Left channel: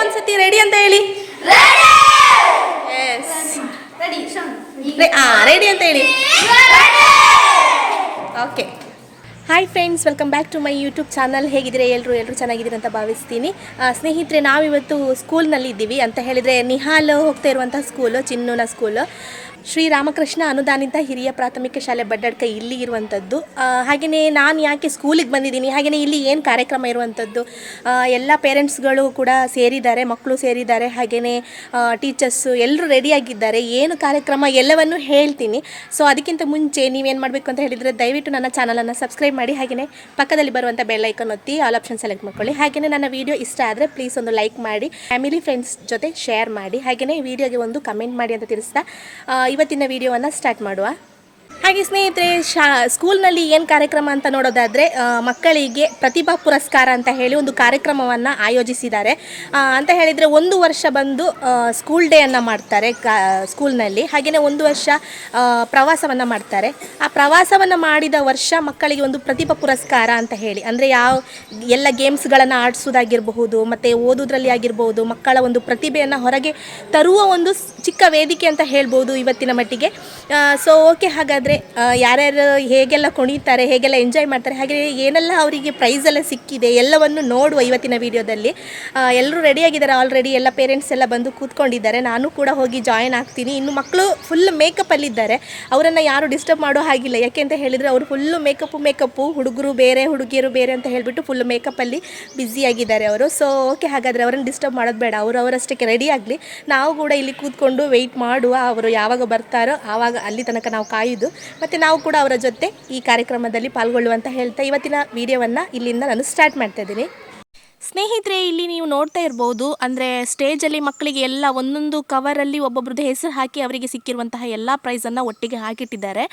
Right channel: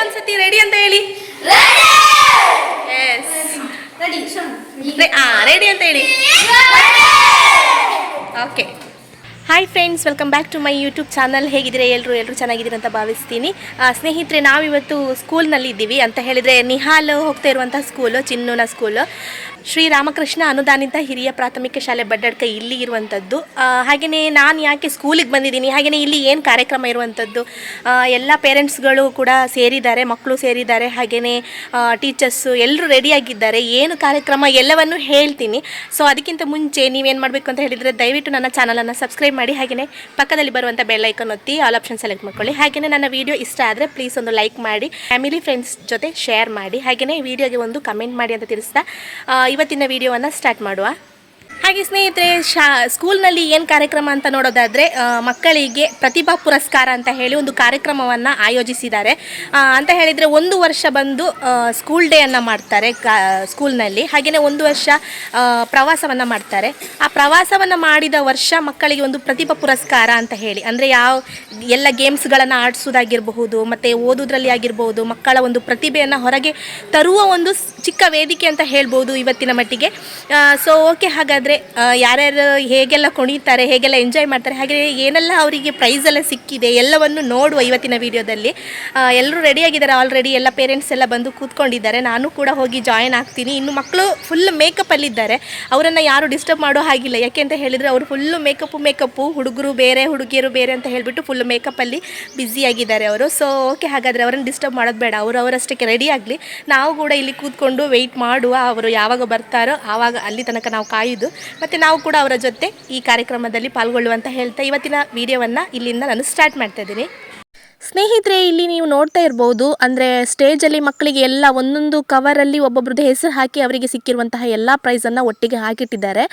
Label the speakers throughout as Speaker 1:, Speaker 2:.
Speaker 1: ಒಂದ್ಸತಿ ರೆಡಿ ಅಂತ ಹೇಳಿ. ಎಸ್ ಆ ರೆಡಿ ಅಂತ ಹೇಳಿ. Okay hi friends welcome back to my YouTube channel ಹೇಗಿದ್ರೆ ಎಲ್ಲರೂ ಎಲ್ಲರೂ ಚೆನ್ನಾಗಿದ್ದೀರಿ ಅಂತ ಭಾವಿಸ್ತೀನಿ. ಸ್ನೇಹಿತರೆ ನಾವಿವತ್ತು ಸ್ಕೂಲ್ನಲ್ಲಿ ಇದ್ದೀವಿ ಅಂತ ಹೇಳಿದರೆ ನಿಹಾಲ್ ಹೋಗ್ತಾ ಇರುವಂಥ ಸ್ಕೂಲು ಚಿನ್ನೂನ ಸ್ಕೂಲು ಶ್ರೀ ರಾಮಕೃಷ್ಣ ಅನುದಾನಿತ ಹಿರಿಯ ಪ್ರಾಥಮಿಕ ಶಾಲೆ ಬಡ್ಡಡ್ಕ ಇಲ್ಲಿ ಇರುವಂಥದ್ದು. ಹಾಗೆಯೇ ನಾನು ಯಾಕೆ ಸ್ಕೂಲಿಗೆ ಬಂದಿದ್ದೀನಿ ಹಾಗೆಯೇ ಇಲ್ಲಿ ಏನು ಕಾರ್ಯಕ್ರಮ ಇರುವಂಥದ್ದು? ಎಲ್ಲ ಪೇರೆಂಟ್ಸ್ಗಳು ಕೂಡ ಸೇರಿದ್ದಾರೆ ಮಕ್ಕಳು ಸೇರಿದ್ದಾರೆ ಹಾಗೆಯೇ ಟೀಚರ್ಸು ಎಲ್ಲರೂ ರೆಡಿಯಾಗಿದ್ದಾರೆ ಏನು ಕಾರ್ಯಕ್ರಮ ಎಲ್ಲವನ್ನು ಹೇಳ್ತೀನಿ. ಸೊ ಅದಕ್ಕಿಂತ ಮುಂಚೆ ನೀವೇನು ಮಾಡಬೇಕು ಅಂತ ಹೇಳಿದರೆ ದಯವಿಟ್ಟು ನನ್ನ ಚಾನಲನ್ನು ಸಬ್ಸ್ಕ್ರೈಬ್ ಮಾಡಿ ಹಾಗೆಯೇ ಪಕ್ಕದಲ್ಲಿ ಬರುವಂಥ ಬೆಲ್ ಐಕನ್ ಒತ್ತಿ, ಆಲ್ ಆಪ್ಷನ್ ಸೆಲೆಕ್ಟ್ ಮಾಡ್ಕೊಳ್ಳಿ. ಹಾಗೆಯೇ ನನ್ನ ವಿಡಿಯೋ ಇಷ್ಟ ಆದರೆ ಪ್ಲೀಸ್ ಒಂದು ಲೈಕ್ ಮಾಡಿ, ಫ್ಯಾಮಿಲಿ, ಫ್ರೆಂಡ್ಸ್ ಜೊತೆ ಶೇರ್ ಮಾಡಿ ಹಾಗೆಯೇ ವಿಡಿಯೋಗೆ ಒಂದು ಕಮೆಂಟ್ ಮಾಡಿ ಅಂತ ತಿಳಿಸ್ತಾ ಇವತ್ತಿನ ವಿಡಿಯೋವನ್ನು ಸ್ಟಾರ್ಟ್ ಮಾಡುವ. ಹಾಗೆ ಸ್ನೇಹಿತರೆ, ಶಾ, ಸ್ಕೂಲ್ನಲ್ಲಿ ಏನು ಕಾರ್ಯಕ್ರಮ ಅಂತ ನೋಡೋದಾದರೆ ಮಕ್ಕಳಿಗೆ ಪ್ರತಿಭಾ ಪುರಸ್ಕಾರ ಅಂತ ಹೇಳಿ ಒಂದು ಕಾರ್ಯಕ್ರಮವನ್ನು ಆಯೋಜಿಸಿದ್ದಾರೆ. ಅಂತ ಹೇಳಿದರೆ ಒಂದು ವರ್ಷ ಬಂದು ಸ್ಕೂಲ್ ಡೇಯನ್ನು ಮಾಡ್ತಾರೆ ಸ್ಕೂಲ್ನಲ್ಲಿ. ಹಾಗೆಯೇ ಒಂದು ವರ್ಷ ಪ್ರವಾಸವನ್ನು ಮಾಡ್ತಾರೆ. ಆ ಪ್ರವಾಸವನ್ನು ಮಾಡಿದ ವರ್ಷ ಮಕ್ಕಳಿಗೆ ಒಂದು ಪ್ರತಿಭಾ ಪುರಸ್ಕಾರ ಅಂತ ಹೇಳಿ. ಅಂದರೆ ಯಾವ, ಎಲ್ಲ ಗೇಮ್ಸ್ಗಳನ್ನು ಆಡಿಸೋದಾಗಿರಬಹುದು ಮತ್ತು ಓದೋದ್ರಲ್ಲಿ ಆಗಿರ್ಬೋದು ಮಕ್ಕಳ ಒಂದು ಪ್ರತಿಭೆಯನ್ನು ಹೊರಗೆ ತರುವ ಒಂದು ಚಿಕ್ಕ ವೇದಿಕೆ ಅಂತ ಹೇಳ್ಬೋದು ಇವತ್ತಿನ ಮಟ್ಟಿಗೆ. ಸೊ ಓಕೆ ಹಾಗಾದರೆ ಯಾರ್ಯಾರು ಹೇಗೆಲ್ಲ ಕುಣಿತಾರೆ ಹೇಗೆಲ್ಲ ಎಂಜಾಯ್ ಮಾಡ್ತಾರೆ, ಹಾಗೆ ಏನೆಲ್ಲ ಅವರಿಗೆ ಪ್ರೈಸ್ ಎಲ್ಲ ಸಿಕ್ಕಿದೆ, ಎಲ್ಲವನ್ನು ನೋಡುವ ಇವತ್ತಿನ ವಿಡಿಯೋದಲ್ಲಿ ಎಲ್ಲರೂ ರೆಡಿಯಾಗಿದ್ದಾರೆ ಆಲ್ರೆಡಿ ಎಲ್ಲ ಪೇರೆಂಟ್ಸ್ ಎಲ್ಲ ಬಂದು ಕೂತ್ಕೊಂಡಿದ್ದಾರೆ. ನಾನು ಕೂಡ ಹೋಗಿ ಜಾಯಿನ್ ಆಗ್ತೀನಿ. ಇನ್ನು ಮಕ್ಕಳು ಫುಲ್ ಮೇಕಪ್ಪಲ್ಲಿದ್ದಾರೆ ಅವರನ್ನು ಯಾರು ಡಿಸ್ಟರ್ಬ್ ಮಾಡೋ ಹಾಗಿಲ್ಲ. ಯಾಕೆ ಅಂತ ಹೇಳಿದರೆ, ಅವರು ಫುಲ್ಲು ಮೇಕಪ್ಪು ಮೇಕಪ್ಪು ಹುಡುಗರು ಬೇರೆ, ಹುಡುಗಿಯರು ಬೇರೆ ಅಂತ ಹೇಳಿಬಿಟ್ಟು ಫುಲ್ ಮೇಕಪ್ಪಲ್ಲಿ ಬ್ಯುಸಿಯಾಗಿದ್ದಾರೆ ಅವರು. ಸೊ ಓಕೆ ಹಾಗಾದರೆ ಅವರನ್ನು ಡಿಸ್ಟರ್ಬ್ ಮಾಡೋದು ಬೇಡ. ಅವರು ಅವರಷ್ಟಕ್ಕೆ ರೆಡಿ ಆಗಲಿ. ನಾವು ಕೂಡ ಇಲ್ಲಿ ಕೂತ್ಕೊಂಡು ವೆಯ್ಟ್ ಮಾಡುವ ಅವರು ಯಾವಾಗ ಬರ್ತಾರೋ ಆವಾಗ ಅಲ್ಲಿ ತನಕ ನಾವು ಕಾಯುದು. ಮತ್ತು ನಾವು ಕೂಡ ಅವರ ಜೊತೆ ಈ ಕಾರ್ಯಕ್ರಮದಲ್ಲಿ ಪಾಲ್ಗೊಳ್ಳುವಂತ ಹೇಳ್ತಾ ಇವತ್ತಿನ ವಿಡಿಯೋವನ್ನು ಇಲ್ಲಿಂದ ನಾನು ಸ್ಟಾರ್ಟ್ ಮಾಡ್ತಾ ಇದ್ದೀನಿ. ಸ್ನೇಹಿತರೆ, ಇಲ್ಲಿ ನೀವು ನೋಡ್ತಾ ಇರ್ಬೋದು, ಅಂದರೆ ಸ್ಟೇಜಲ್ಲಿ ಮಕ್ಕಳಿಗೆ ಎಲ್ಲ ಒಂದೊಂದು ಕವರಲ್ಲಿ ಒಬ್ಬೊಬ್ರದ್ದು ಹೆಸರು ಹಾಕಿ ಅವರಿಗೆ ಸಿಕ್ಕಿರುವಂತಹ ಎಲ್ಲ ಪ್ರೈಸನ್ನು ಒಟ್ಟಿಗೆ ಹಾಕಿಟ್ಟಿದ್ದಾರೆ.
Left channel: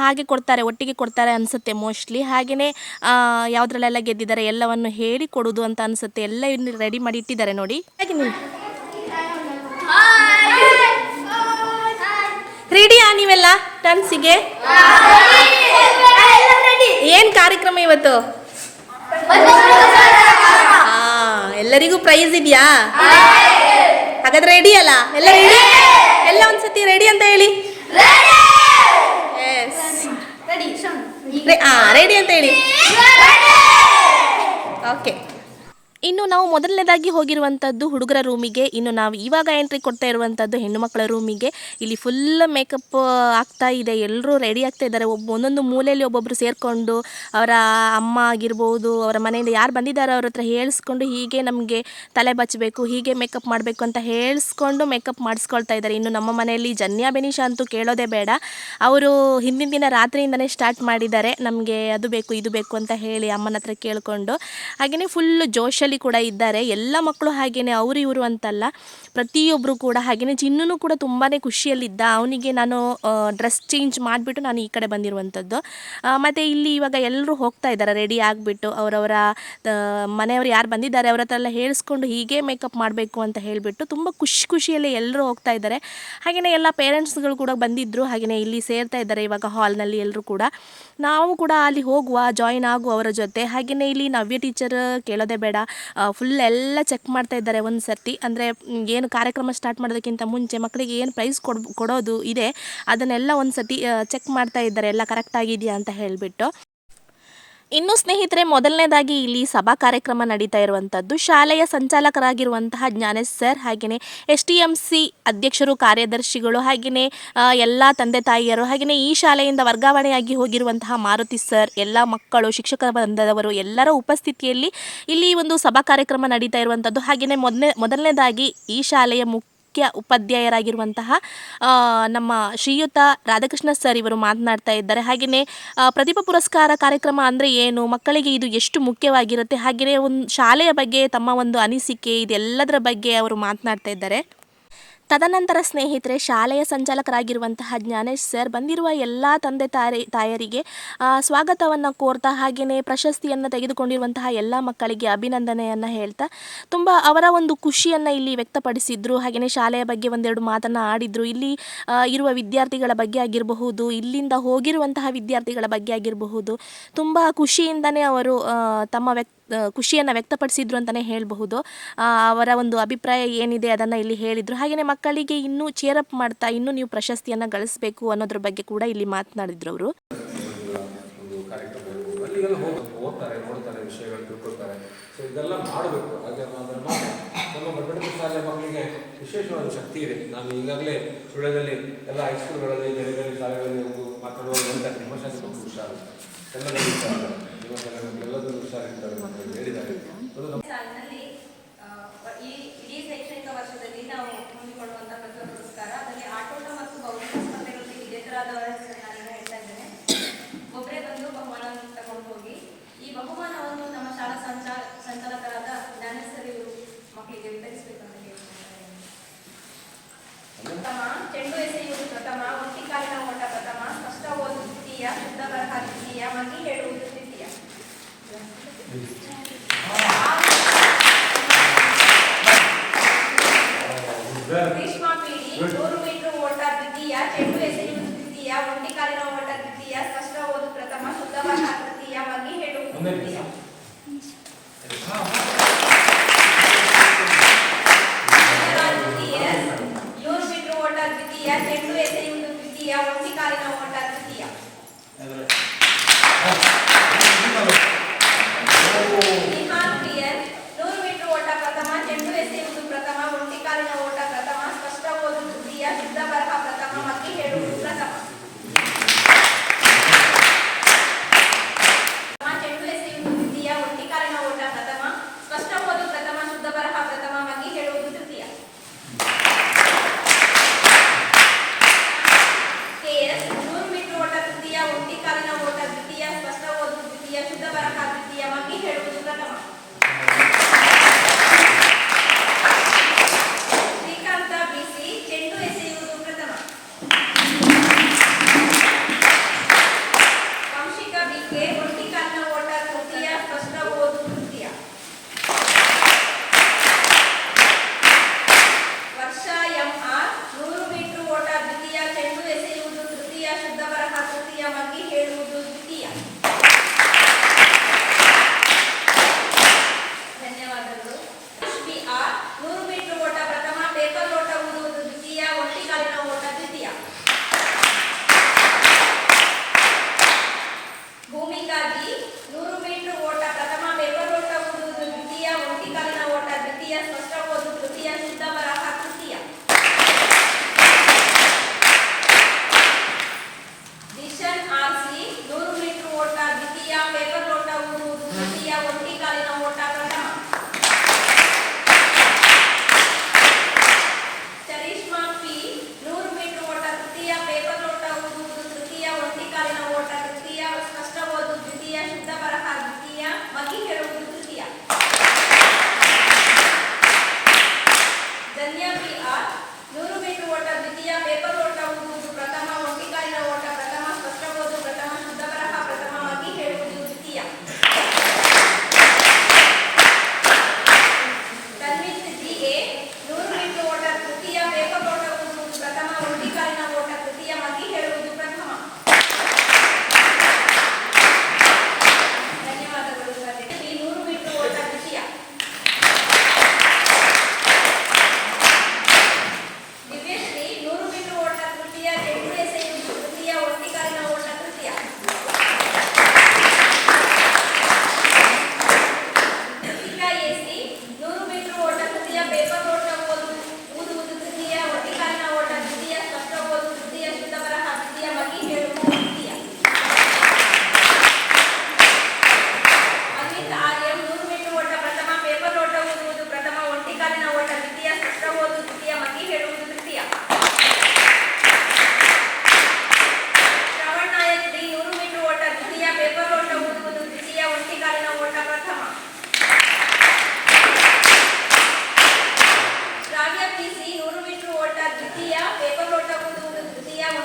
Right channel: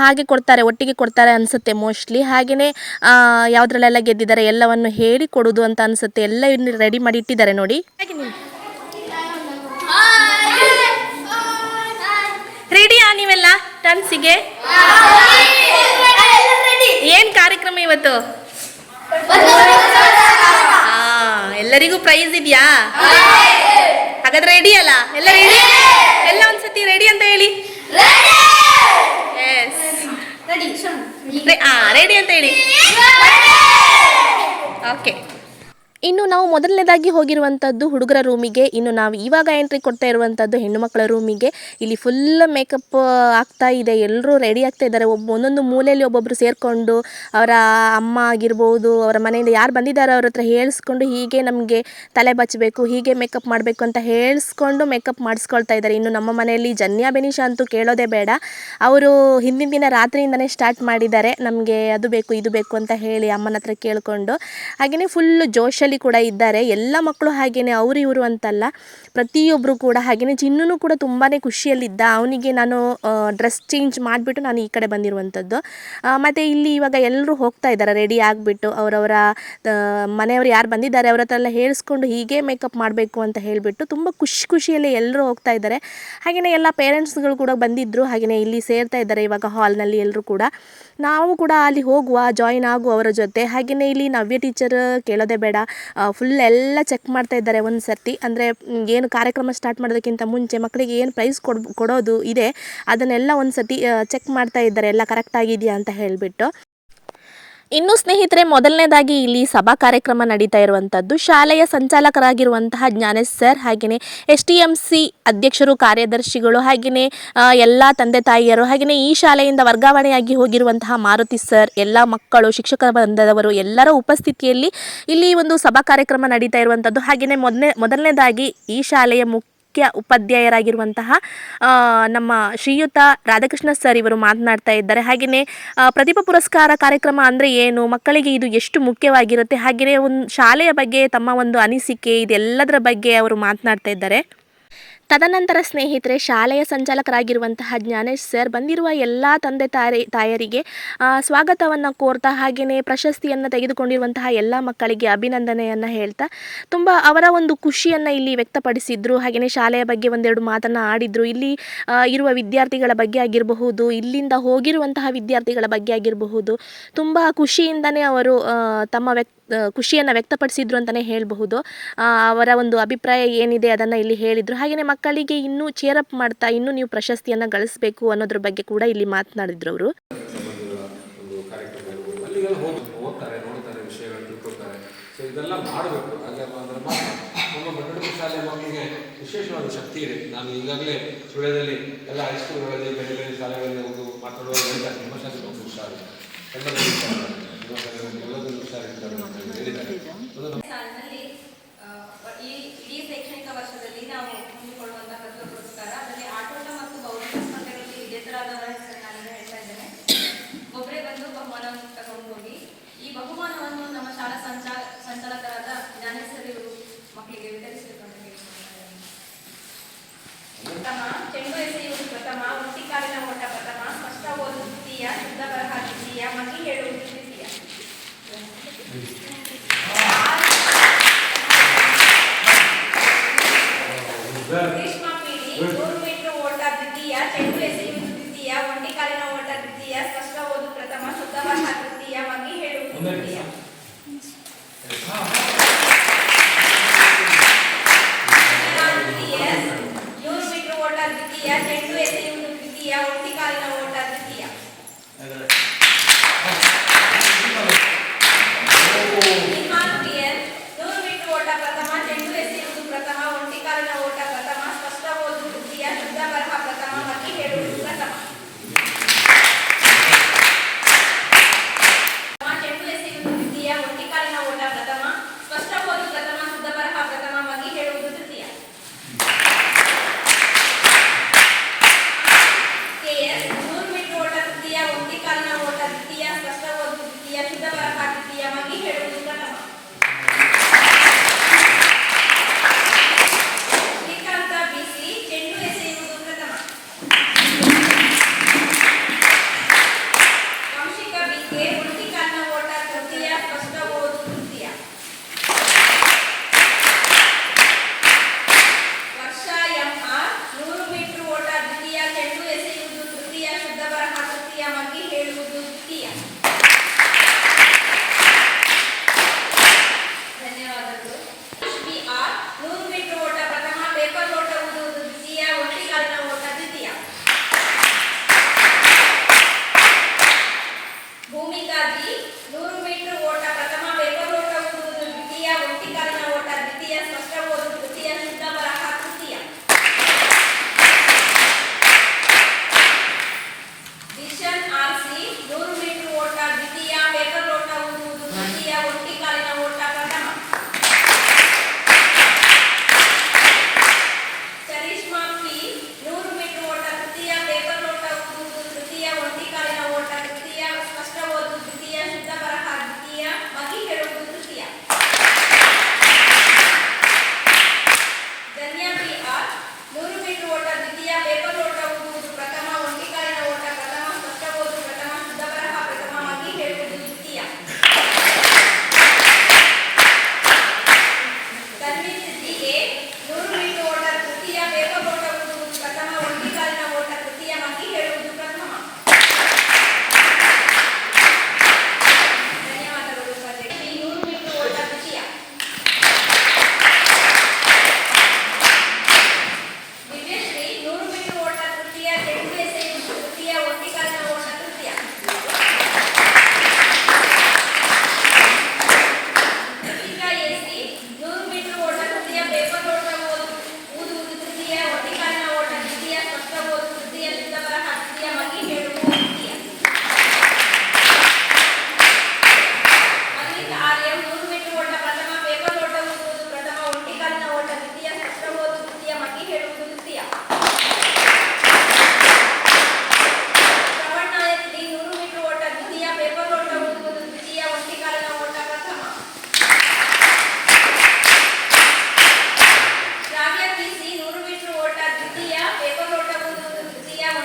Speaker 1: ಹಾಗೆ ಕೊಡ್ತಾರೆ, ಒಟ್ಟಿಗೆ ಕೊಡ್ತಾರೆ ಅನಿಸುತ್ತೆ ಮೋಸ್ಟ್ಲಿ ಹಾಗೆಯೇ ಯಾವುದ್ರಲ್ಲೆಲ್ಲ ಗೆದ್ದಿದ್ದಾರೆ ಎಲ್ಲವನ್ನು ಹೇಳಿ ಕೊಡೋದು ಅಂತ ಅನಿಸುತ್ತೆ. ಎಲ್ಲ ರೆಡಿ ಮಾಡಿ ಇಟ್ಟಿದ್ದಾರೆ ನೋಡಿ. ರೆಡಿಯಾ ನೀವೆಲ್ಲ? ಡಾನ್ಸಿಗೆ ಏನು ಕಾರ್ಯಕ್ರಮ ಇವತ್ತು? ಎಲ್ಲರಿಗೂ ಪ್ರೈಸ್ ಇದೆಯಾ? ಹಾಗಾದ್ರೆ ರೆಡಿ ಅಲ್ಲ? ಎಲ್ಲ ರೆಡಿ ಎಲ್ಲ ಒಂದ್ಸತಿ ರೆಡಿ ಅಂತ ಹೇಳಿ. ರೆಡಿ ಅಂತ ಹೇಳಿ. ಓಕೆ ಇನ್ನು ನಾವು ಮೊದಲನೇದಾಗಿ ಹೋಗಿರುವಂಥದ್ದು ಹುಡುಗರ ರೂಮಿಗೆ. ಇನ್ನು ನಾವು ಇವಾಗ ಎಂಟ್ರಿ ಕೊಡ್ತಾ ಇರುವಂಥದ್ದು ಹೆಣ್ಣು ಮಕ್ಕಳ ರೂಮಿಗೆ. ಇಲ್ಲಿ ಫುಲ್ ಮೇಕಪ್ ಆಗ್ತಾ ಇದೆ. ಎಲ್ಲರೂ ರೆಡಿ ಆಗ್ತಾ ಇದ್ದಾರೆ. ಒಬ್ಬ ಒಂದೊಂದು ಮೂಲೆಯಲ್ಲಿ ಒಬ್ಬೊಬ್ಬರು ಸೇರಿಕೊಂಡು ಅವರ ಅಮ್ಮ ಆಗಿರ್ಬೋದು, ಅವರ ಮನೆಯಿಂದ ಯಾರು ಬಂದಿದ್ದಾರೆ ಅವ್ರ ಹತ್ರ ಹೇಳಿಸ್ಕೊಂಡು ಹೀಗೆ ನಮಗೆ ತಲೆ ಬಚ್ಚಬೇಕು ಹೀಗೆ ಮೇಕಪ್ ಮಾಡಬೇಕು ಅಂತ ಹೇಳಿಸ್ಕೊಂಡು ಮೇಕಪ್ ಮಾಡಿಸ್ಕೊಳ್ತಾ ಇದ್ದಾರೆ. ಇನ್ನು ನಮ್ಮ ಮನೆಯಲ್ಲಿ ಜನ್ಯಾ ಬೆನಿಷಾ ಅಂತೂ ಕೇಳೋದೇ ಬೇಡ. ಅವರು ಹಿಂದಿನ ದಿನ ರಾತ್ರಿಯಿಂದನೇ ಸ್ಟಾರ್ಟ್ ಮಾಡಿದ್ದಾರೆ. ನಮಗೆ ಅದು ಬೇಕು, ಇದು ಬೇಕು ಅಂತ ಹೇಳಿ ಅಮ್ಮನ ಹತ್ರ ಕೇಳಿಕೊಂಡು. ಹಾಗೆಯೇ ಫುಲ್ಲು ಜೋಶಲ್ಲಿ ಕೂಡ ಇದ್ದಾರೆ. ಎಲ್ಲ ಮಕ್ಕಳು ಹಾಗೆಯೇ ಅವರು ಇವರು ಅಂತಲ್ಲ. ಪ್ರತಿಯೊಬ್ಬರು ಕೂಡ ಹಾಗೆಯೇ ಚಿನ್ನೂ ಕೂಡ ತುಂಬಾ ಖುಷಿಯಲ್ಲಿದ್ದ. ಅವನಿಗೆ ನಾನು ಡ್ರೆಸ್ ಚೇಂಜ್ ಮಾಡಿಬಿಟ್ಟು ನಾನು ಈ ಕಡೆ ಬಂದಿರುವಂಥದ್ದು ಮತ್ತು ಇಲ್ಲಿ ಇವಾಗ ಎಲ್ಲರೂ ಹೋಗ್ತಾ ಇದ್ದಾರೆ. ರೆಡಿ ಆಗಿಬಿಟ್ಟು ಅವರವರ ಮನೆಯವರು ಯಾರು ಬಂದಿದ್ದಾರೆ ಅವರ ಹತ್ರ ಎಲ್ಲ ಹೇಳಿಸ್ಕೊಂಡು ಹೀಗೆ ಮೇಕಪ್ ಮಾಡಬೇಕು ಅಂತ ಹೇಳಿಬಿಟ್ಟು ತುಂಬ ಖುಷಿ ಖುಷಿಯಲ್ಲಿ ಎಲ್ಲರೂ ಹೋಗ್ತಾ ಇದ್ದಾರೆ. ಹಾಗೆಯೇ ಎಲ್ಲ ಪೇರೆಂಟ್ಸ್ಗಳು ಕೂಡ ಬಂದಿದ್ದರು ಹಾಗೆಯೇ ಇಲ್ಲಿ ಸೇರ್ತಾ ಇದ್ದಾರೆ ಇವಾಗ ಹಾಲ್ನಲ್ಲಿ ಎಲ್ಲರೂ ಕೂಡ. ನಾವು ಕೂಡ ಅಲ್ಲಿ ಹೋಗುವ ಜಾಯಿನ್ ಆಗುವ ಅವರ ಜೊತೆ. ಹಾಗೆಯೇ ಇಲ್ಲಿ ನವ್ಯ ಟೀಚರ್ ಕೇಳೋದೇ ಬೇಡ. ಫುಲ್ ಎಲ್ಲ ಚೆಕ್ ಮಾಡ್ತಾ ಇದ್ದಾರೆ ಒಂದು ಸರ್ತಿ. ಅಂದರೆ ಏನು ಕಾರ್ಯಕ್ರಮ ಸ್ಟಾರ್ಟ್ ಮಾಡೋದಕ್ಕಿಂತ ಮುಂಚೆ ಮಕ್ಕಳಿಗೆ ಏನು ಪ್ರೈಸ್ ಕೊಡ್ ಕೊಡೋದು ಇದೆ, ಅದನ್ನೆಲ್ಲ ಒಂದು ಸರ್ತಿ ಚೆಕ್ ಮಾಡ್ತಾ ಇದ್ದಾರೆ. ಎಲ್ಲ ಕರೆಕ್ಟ್ ಆಗಿದೆಯಾ ಅಂತ ಹೇಳಿಬಿಟ್ಟು. ಇನ್ನು ಸ್ನೇಹಿತರೆ, ಮೊದಲನೇದಾಗಿ ಇಲ್ಲಿ ಸಭಾ ಕಾರ್ಯಕ್ರಮ ನಡೀತಾ ಇರುವಂಥದ್ದು. ಶಾಲೆಯ ಸಂಚಾಲಕರಾಗಿರುವಂತಹ ಜ್ಞಾನೇಶ್ ಸರ್ ಹಾಗೆಯೇ ಎಸ್ ಟಿ ಎಂ ಸಿ ಅಧ್ಯಕ್ಷರು, ಕಾರ್ಯದರ್ಶಿಗಳು ಹಾಗೆಯೇ ಎಲ್ಲ ತಂದೆ ತಾಯಿಯರು ಹಾಗೆಯೇ ಈ ಶಾಲೆಯಿಂದ ವರ್ಗಾವಣೆಯಾಗಿ ಹೋಗಿರುವಂತಹ ಮಾರುತಿ ಸರ್, ಎಲ್ಲ ಮಕ್ಕಳು ಶಿಕ್ಷಕ ಬಂಧದವರು ಎಲ್ಲರ ಉಪಸ್ಥಿತಿಯಲ್ಲಿ ಇಲ್ಲಿ ಒಂದು ಸಭಾ ಕಾರ್ಯಕ್ರಮ ನಡೀತಾ ಇರುವಂಥದ್ದು. ಹಾಗೆಯೇ ಮೊದಲನೇ, ಮೊದಲನೇದಾಗಿ ಈ ಶಾಲೆಯ ಮುಖ್ಯ ಮುಖ್ಯ ಉಪಾಧ್ಯಾಯರಾಗಿರುವಂತಹ ನಮ್ಮ ಶ್ರೀಯುತ ರಾಧಾಕೃಷ್ಣ ಸರ್ ಇವರು ಮಾತನಾಡ್ತಾ ಇದ್ದಾರೆ. ಹಾಗೆಯೇ ಪ್ರತಿಭಾ ಪುರಸ್ಕಾರ ಕಾರ್ಯಕ್ರಮ ಅಂದರೆ ಏನು, ಮಕ್ಕಳಿಗೆ ಇದು ಎಷ್ಟು ಮುಖ್ಯವಾಗಿರುತ್ತೆ ಹಾಗೆಯೇ ಒಂದು ಶಾಲೆಯ ಬಗ್ಗೆ ತಮ್ಮ ಒಂದು ಅನಿಸಿಕೆ, ಇದೆಲ್ಲದರ ಬಗ್ಗೆ ಅವರು ಮಾತನಾಡ್ತಾ ಇದ್ದಾರೆ. ತದನಂತರ ಸ್ನೇಹಿತರೆ, ಶಾಲೆಯ ಸಂಚಾಲಕರಾಗಿರುವಂತಹ ಜ್ಞಾನೇಶ್ ಸರ್ ಬಂದಿರುವ ಎಲ್ಲ ತಂದೆ ತಾಯಿ ತಾಯರಿಗೆ ಸ್ವಾಗತವನ್ನು ಕೋರ್ತಾ ಹಾಗೆಯೇ ಪ್ರಶಸ್ತಿಯನ್ನು ತೆಗೆದುಕೊಂಡಿರುವಂತಹ ಎಲ್ಲ ಮಕ್ಕಳಿಗೆ ಅಭಿನಂದನೆಯನ್ನು ಹೇಳ್ತಾ, ತುಂಬ ಅವರ ಒಂದು ಖುಷಿಯನ್ನು ಇಲ್ಲಿ ವ್ಯಕ್ತಪಡಿಸಿದ್ರು. ಹಾಗೆಯೇ ಶಾಲೆಯ ಬಗ್ಗೆ ಒಂದೆರಡು ಮಾತನ್ನು ಆಡಿದರು. ಇಲ್ಲಿ ಇರುವ ವಿದ್ಯಾರ್ಥಿಗಳ ಬಗ್ಗೆ ಆಗಿರಬಹುದು, ಇಲ್ಲಿಂದ ಹೋಗಿರುವಂತಹ ವಿದ್ಯಾರ್ಥಿಗಳ ಬಗ್ಗೆ ಆಗಿರಬಹುದು, ತುಂಬ ಖುಷಿಯಿಂದನೇ ಅವರು ತಮ್ಮ ವ್ಯಕ್ತ ಖುಷಿಯನ್ನು ವ್ಯಕ್ತಪಡಿಸಿದ್ರು ಅಂತಲೇ ಹೇಳಬಹುದು. ಅವರ ಒಂದು ಅಭಿಪ್ರಾಯ ಏನಿದೆ ಅದನ್ನು ಇಲ್ಲಿ ಹೇಳಿದರು. ಹಾಗೆಯೇ ಮಕ್ಕಳಿಗೆ ಇನ್ನೂ ಅಪ್ ಮಾಡ್ತಾ, ಇನ್ನೂ ನೀವು ಪ್ರಶಸ್ತಿಯನ್ನು ಗಳಿಸಬೇಕು ಅನ್ನೋದ್ರ ಬಗ್ಗೆ ಕೂಡ ಇಲ್ಲಿ ಮಾತನಾಡಿದ್ರು ಅವರು.
Speaker 2: ಇದೆಲ್ಲ ಮಾಡಬೇಕು ಹಾಗೆ ನಮ್ಮ ಭದ್ರತಾ ಶಾಲೆ ಮಕ್ಕಳಿಗೆ ವಿಶೇಷವಾದ ಶಕ್ತಿ ಇದೆ ನಾನು ಈಗಾಗಲೇ ಸುಳ್ಯದಲ್ಲಿ ಎಲ್ಲ ಹೈಸ್ಕೂಲ್ಗಳಲ್ಲಿ ಬೇರೆ ಬೇರೆ ಶಾಲೆಗಳಲ್ಲಿ ಹೋಗಿ ಮಾತಾಡುವ ನಿಮ್ಮ ಶಾಲೆ ಹೇಳಿದ್ದಾರೆ
Speaker 3: ಈ ಶೈಕ್ಷಣಿಕ ವರ್ಷದಲ್ಲಿ ನಾವು ಹಮ್ಮಿಕೊಳ್ಳುವಂತಹ ಪ್ರತಿಭಾ ಪುರಸ್ಕಾರ ಅದರಲ್ಲಿ ಆಟೋಟ ಮತ್ತು ಬೌದ್ಧಿಕ ಸ್ಪರ್ಧೆಗಳಲ್ಲಿ ವಿಜೇತರಾದವರ ಹೇಳ್ತಾ ಇದ್ದೇನೆ ಬಂದು ಬಹುಮಾನವನ್ನು ತಗೊಂಡು ಹೋಗಿ ಈ ಬಹುಮಾನವನ್ನು ನಮ್ಮ ಶಾಲಾ ಸಂಚಾ ಸಂಚಾಲಕರಾದ ಜ್ಞಾನೇಶ್ವರಿ ಮಕ್ಕಳಿಗೆ ವಿತರಿಸಬೇಕು ಅಂತ ಪ್ರಥಮ, ಚೆಂಡು ಎಸೆಯುವುದು ಪ್ರಥಮ ಹುಟ್ಟಿಕಾಲಿನ ಓಟ ಪ್ರಥಮ, ಸ್ಪಷ್ಟ ಓದು ದ್ವಿತೀಯ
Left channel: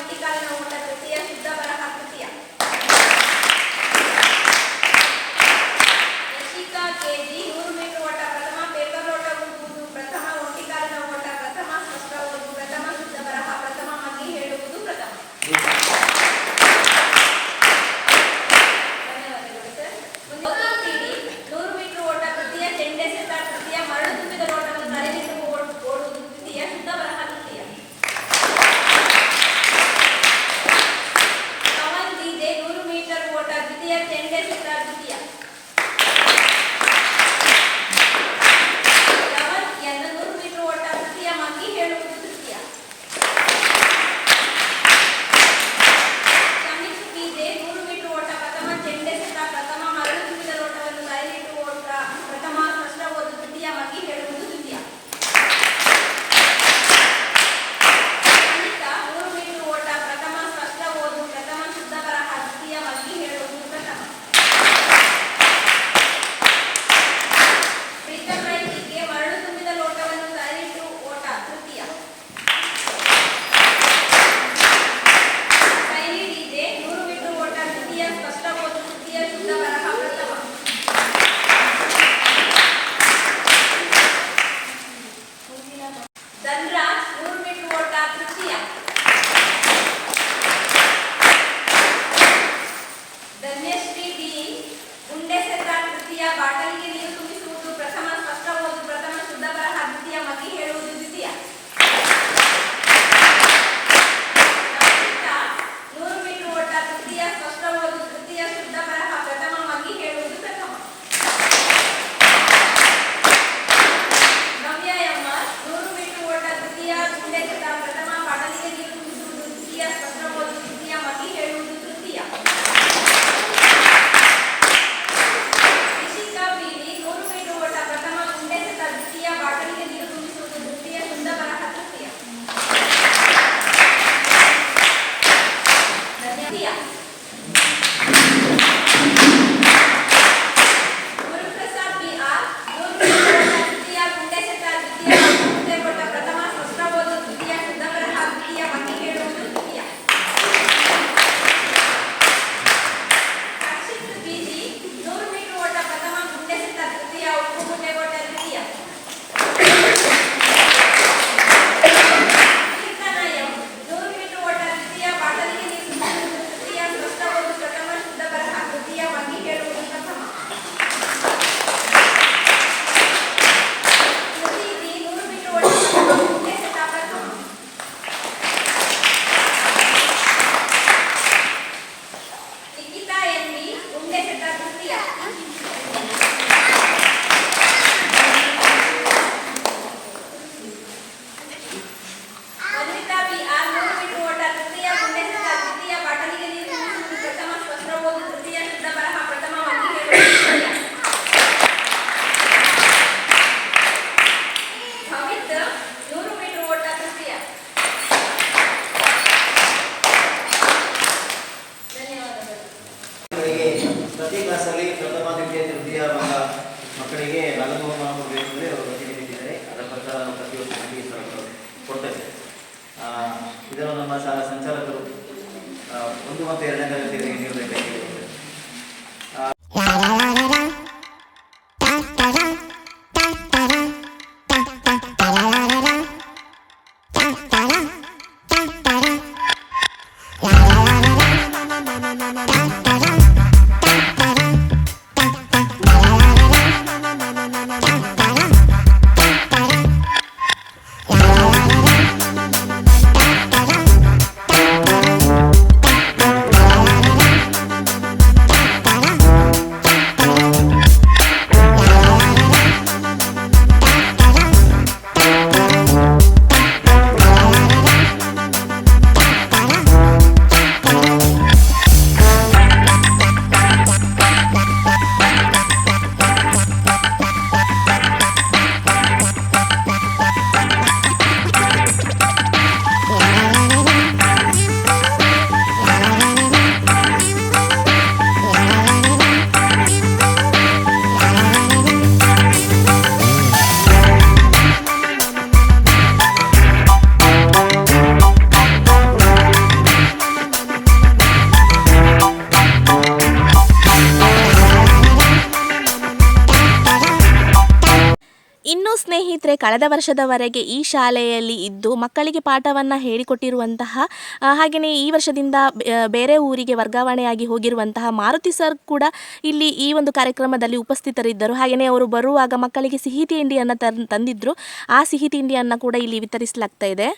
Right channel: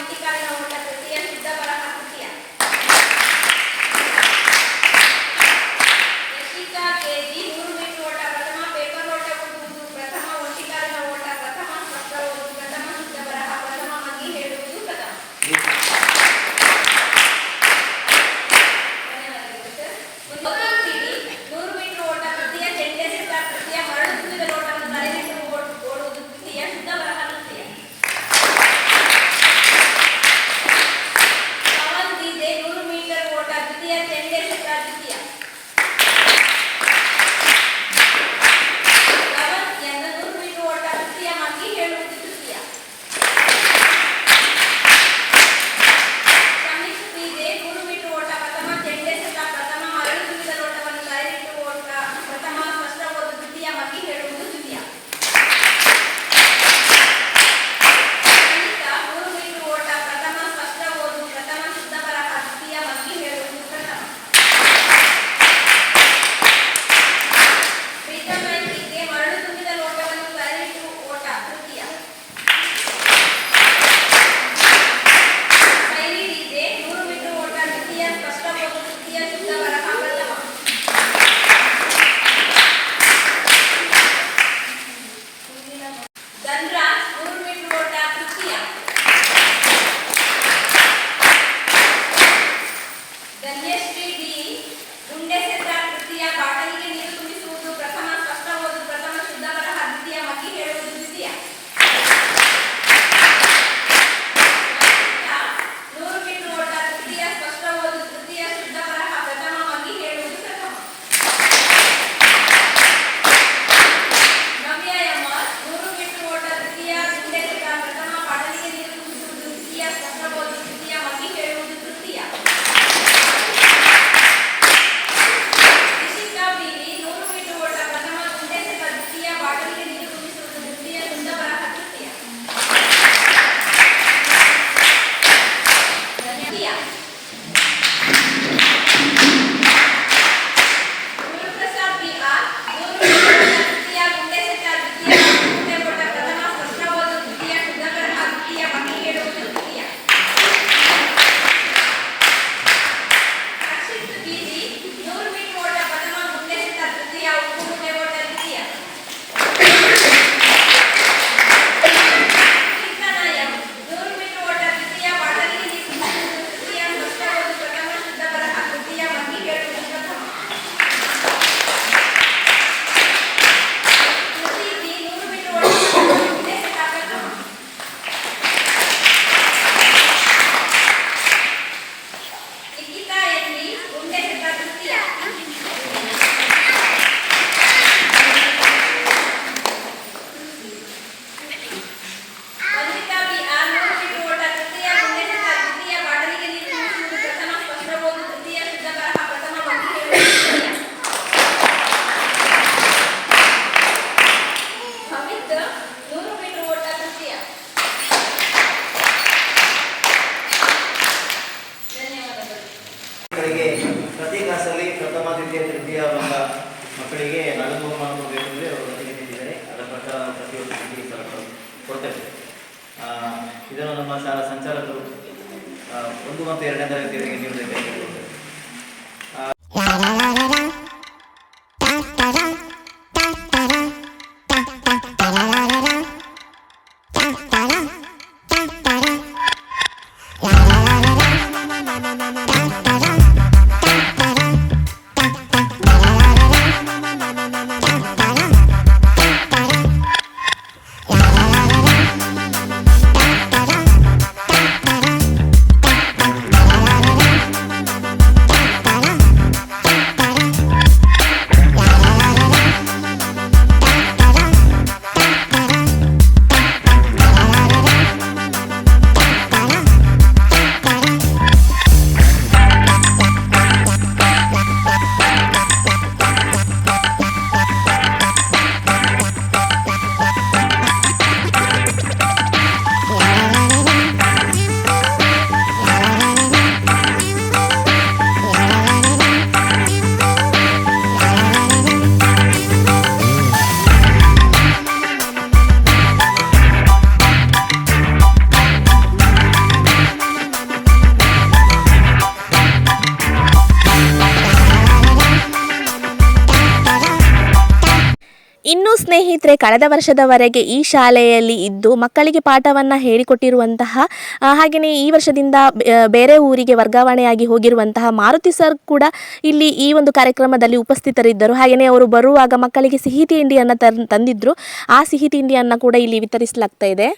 Speaker 4: ficar na
Speaker 1: ಇನ್ನು ಸ್ನೇಹಿತರೆ, ಕಳೆದ ವರ್ಷದವರೆಗೆ ಈ ಶಾಲೆಯಲ್ಲಿ ಇದ್ದು ಮಕ್ಕಳಿಗೆ ಪಾಠವನ್ನು ಹೇಳಿಕೊಟ್ಟಿರುವಂತಹ ಹಾಗೆಯೇ ಈ ವರ್ಷದಿಂದ ಬೇರೆ ಊರಿಗೆ ವರ್ಗಾವಣೆಯಾಗಿ ಹೋಗಿರುವಂತಹ ಮಾರುತಿ ಸರ್ ಕೂಡ ಇಲ್ಲಿ ಈ ಒಂದು ಕಾರ್ಯಕ್ರಮದಲ್ಲಿ ಉಪಸ್ಥಿತರಿದ್ದರು. ಹಾಗೆಯೇ ಅವರು ಬರುವಾಗ ಮಕ್ಕಳಿಗೆ ಸಿಹಿ ತಿಂಡಿಯನ್ನು ತಂದಿದ್ದರು ಆ ಸಿಹಿ ತಿಂಡಿಯನ್ನು ಕೂಡ ಇಲ್ಲಿ ವಿತರಿಸಲಾಗ್ತಾ ಇದೆ.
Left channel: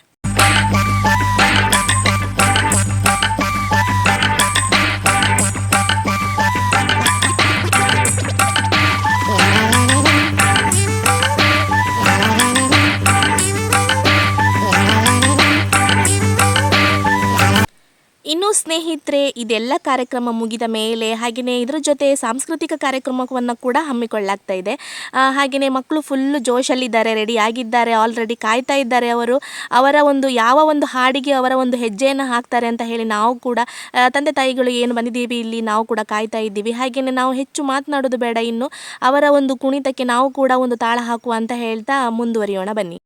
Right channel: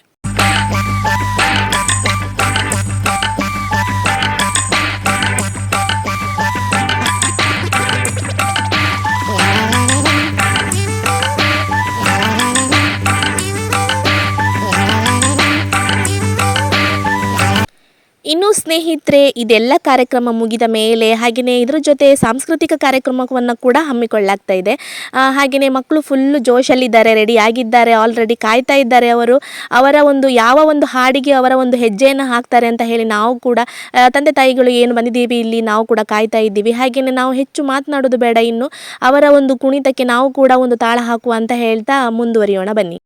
Speaker 1: ಇನ್ನು ಸ್ನೇಹಿತರೆ, ಇದೆಲ್ಲ ಕಾರ್ಯಕ್ರಮ ಮುಗಿದ ಮೇಲೆ ಹಾಗೆಯೇ ಇದ್ರ ಜೊತೆ ಸಾಂಸ್ಕೃತಿಕ ಕಾರ್ಯಕ್ರಮವನ್ನು ಕೂಡ ಹಮ್ಮಿಕೊಳ್ಳಲಾಗ್ತಾ ಇದೆ. ಹಾಗೆಯೇ ಮಕ್ಕಳು ಫುಲ್ಲು ಜೋಶಲ್ಲಿದ್ದಾರೆ ರೆಡಿ ಆಗಿದ್ದಾರೆ ಆಲ್ರೆಡಿ ಕಾಯ್ತಾ ಇದ್ದಾರೆ ಅವರು. ಅವರ ಒಂದು, ಯಾವ ಒಂದು ಹಾಡಿಗೆ ಅವರ ಒಂದು ಹೆಜ್ಜೆಯನ್ನು ಹಾಕ್ತಾರೆ ಅಂತ ಹೇಳಿ ನಾವು ಕೂಡ ತಂದೆ ತಾಯಿಗಳು ಏನು ಬಂದಿದ್ದೀವಿ ಇಲ್ಲಿ, ನಾವು ಕೂಡ ಕಾಯ್ತಾ ಇದ್ದೀವಿ. ಹಾಗೆಯೇ ನಾವು ಹೆಚ್ಚು ಮಾತನಾಡೋದು ಬೇಡ ಇನ್ನು. ಅವರ ಒಂದು ಕುಣಿತಕ್ಕೆ ನಾವು ಕೂಡ ಒಂದು ತಾಳ ಹಾಕುವ ಅಂತ ಹೇಳ್ತಾ ಮುಂದುವರಿಯೋಣ ಬನ್ನಿ.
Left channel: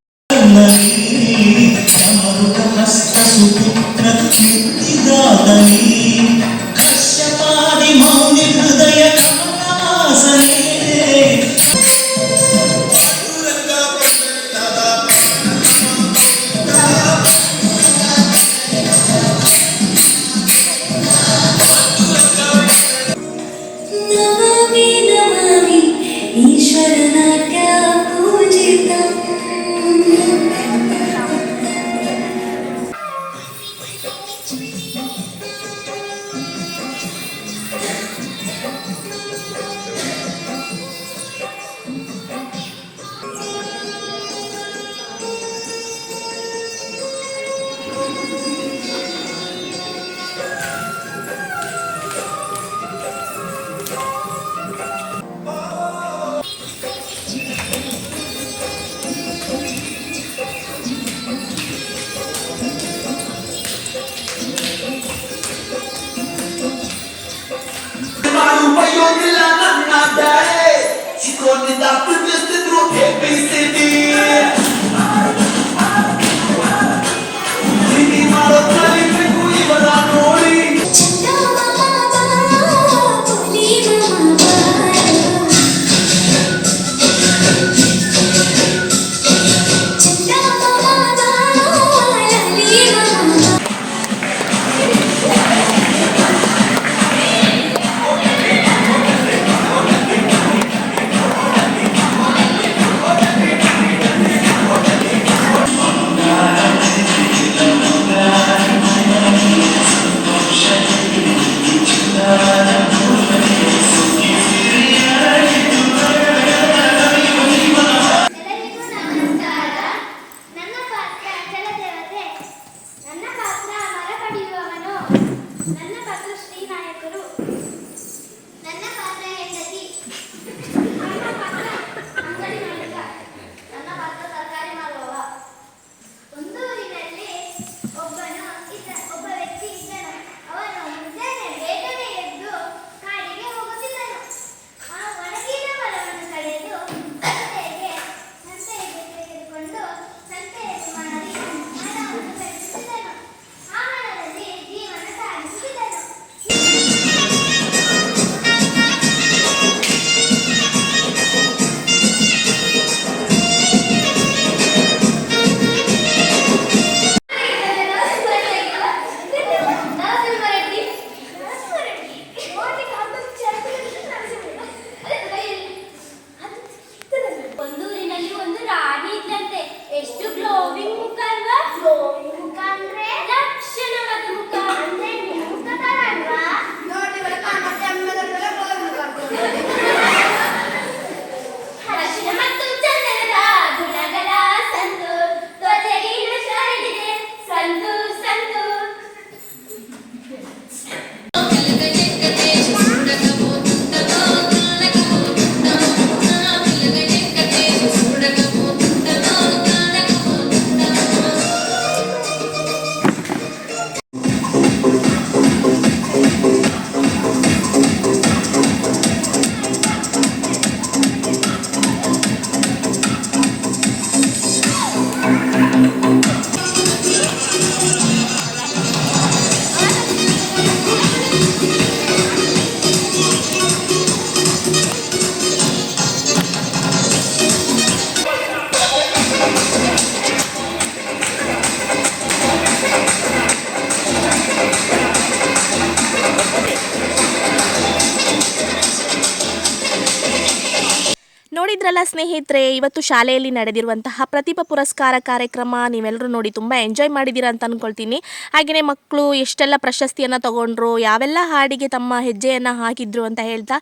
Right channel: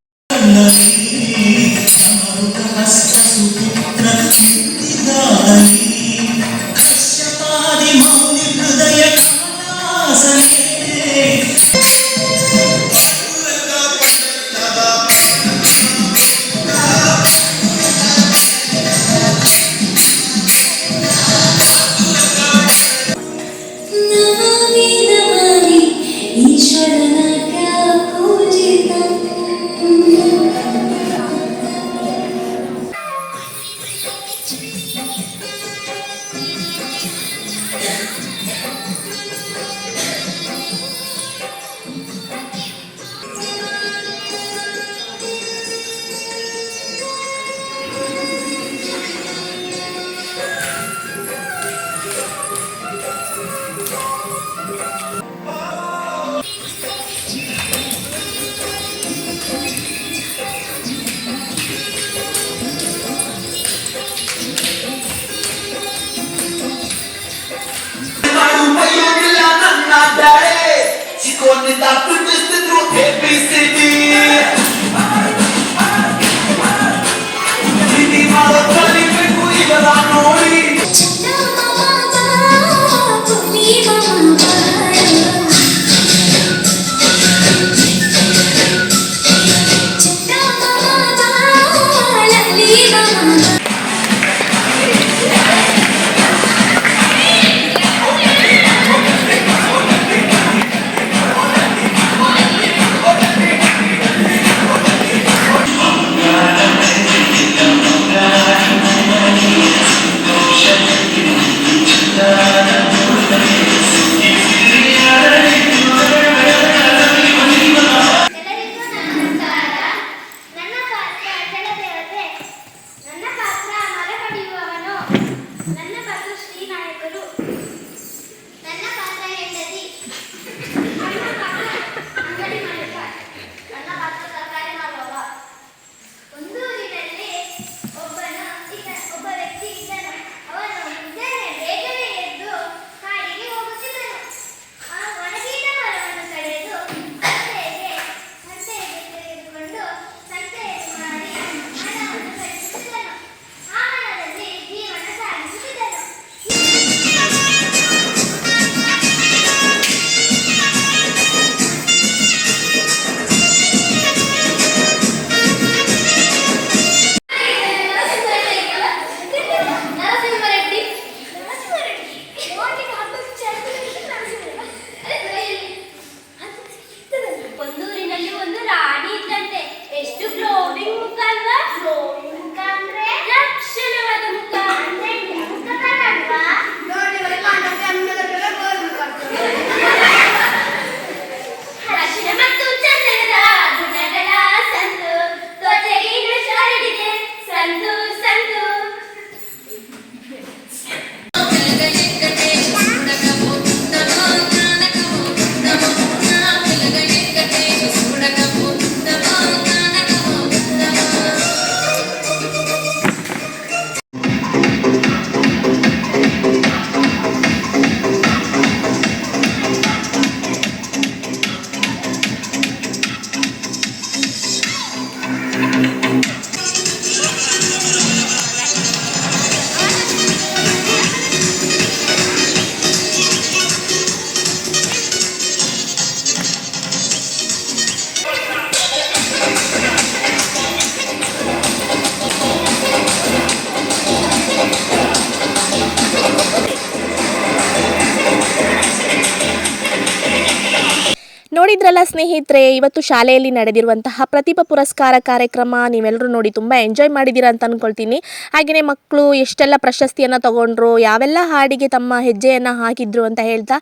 Speaker 1: ನೋಡಿದ್ರಲ್ಲ ಸ್ನೇಹಿತರೆ, ಇವತ್ತು ಶಾಲೆಯಲ್ಲಿ ನಡೆದಿರುವಂತಹ ಪ್ರತಿಭಾ ಪುರಸ್ಕಾರ ಕಾರ್ಯಕ್ರಮ ನೀವೆಲ್ಲರೂ ನೋಡಿ ತುಂಬ ಎಂಜಾಯ್ ಮಾಡಿದ್ದೀರಾ ಅಂತ ಅಂದ್ಕೊಳ್ತೀನಿ ಹಾಗೆಯೇ ಮಕ್ಕಳು ಎಷ್ಟೆಲ್ಲ ಪ್ರಶಸ್ತಿಯನ್ನು ತಗೊಂಡ್ರು, ಯಾವೆಲ್ಲ ಹಾಡಿಗೆ ತಮ್ಮ ಹೆಜ್ಜೆಯನ್ನು ಹಾಕಿದ್ರು ಅಂತ ಹೇಳ್ತಾ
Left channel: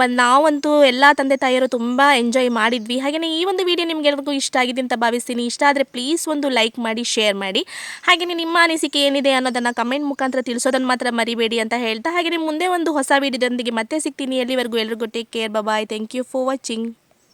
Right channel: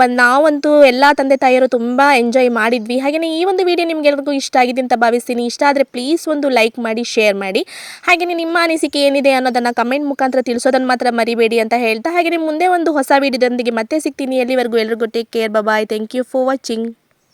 Speaker 1: ಬಂದು ನಾವಂತೂ ಎಲ್ಲ ತಂದೆ ತಾಯಿಯರು ತುಂಬ ಎಂಜಾಯ್ ಮಾಡಿದ್ವಿ. ಹಾಗೆಯೇ ಈ ಒಂದು ವಿಡಿಯೋ ನಿಮಗೆಲ್ರಿಗೂ ಇಷ್ಟ ಆಗಿದೆ ಅಂತ ಭಾವಿಸ್ತೀನಿ. ಇಷ್ಟ ಆದರೆ ಪ್ಲೀಸ್ ಒಂದು ಲೈಕ್ ಮಾಡಿ, ಶೇರ್ ಮಾಡಿ. ಹಾಗೆಯೇ ನಿಮ್ಮ ಅನಿಸಿಕೆ ಏನಿದೆ ಅನ್ನೋದನ್ನು ಕಮೆಂಟ್ ಮುಖಾಂತರ ತಿಳಿಸೋದನ್ನು ಮಾತ್ರ ಮರಿಬೇಡಿ ಅಂತ ಹೇಳ್ತಾ ಹಾಗೆಯೇ ಮುಂದೆ ಒಂದು ಹೊಸ ವಿಡಿಯೋದೊಂದಿಗೆ ಮತ್ತೆ ಸಿಗ್ತೀನಿ. ಎಲ್ಲಿವರೆಗೂ ಎಲ್ರಿಗೂ take care bye thank you for watching.